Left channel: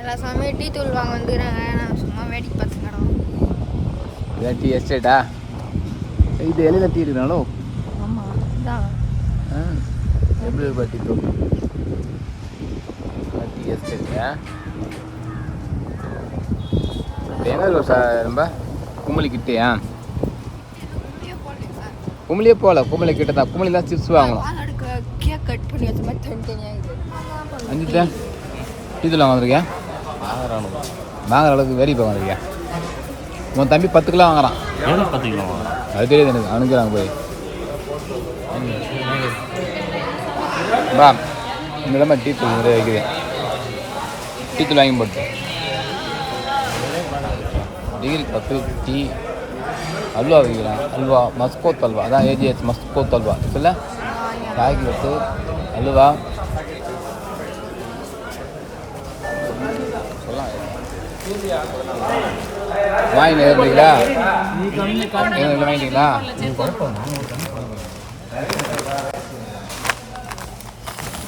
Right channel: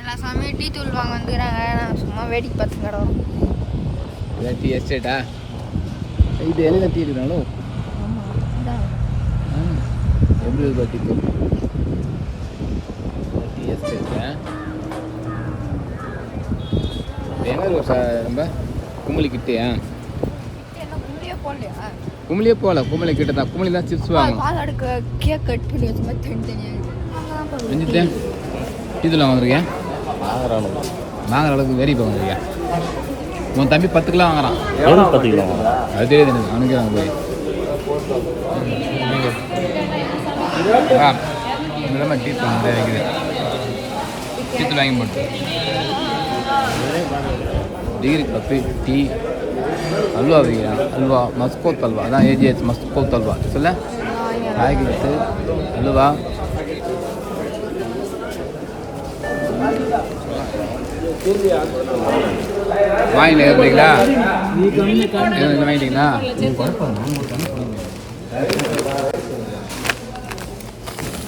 எல்லா சமயம் டீ தூள் வாங்க வந்துக்கிறாங்க. நான் சும்மா வேடிக்கை பார்த்து கிடவோம். இதான் டீ எஸ்டேட்டா? இது எல்லாம் டீ இருக்கிறாங்களோ? எப்படி இருக்கா டீ தூள்? டீ எஸ்டேட்டா? எங்கே இருக்கா ரொம்ப கும்பலிக்கிட்டேயா? கும்பலியே போகல, கும்பலி கிட்ட தான். கும்பலி தான் சிப்ஸ் வாங்கலாம். கேக் கட் பண்ணி வச்ச மாதிரி தனித்தனியாக அஞ்சுட்டேன். டீ தூள் வாங்கிருக்கேன். வாங்குற அளவுக்கு வெறி இப்போ வாங்கிருக்கேன். உன் தம்பி 10 கிலோ வாங்குறான். 10 கிலோ அது தெரியுது எனக்கு. அவனுக்கு வாங்க போய் இந்த மாதிரி டீ தூள் நிறைய வைக்கிறேன். டீ தூள் வாங்கி போட்டு டிகிரி காஃபி டீ அல்வா வைக்கிறேன். அல்வா மஸ்கோத் அல்வா, அதான் ஏஜிஎஸ் மஸ்கோத் அல்வா சொல்ல காய்கறி அல்வா. வாங்கிட்டீங்களா? வாங்கிட்டீங்களா?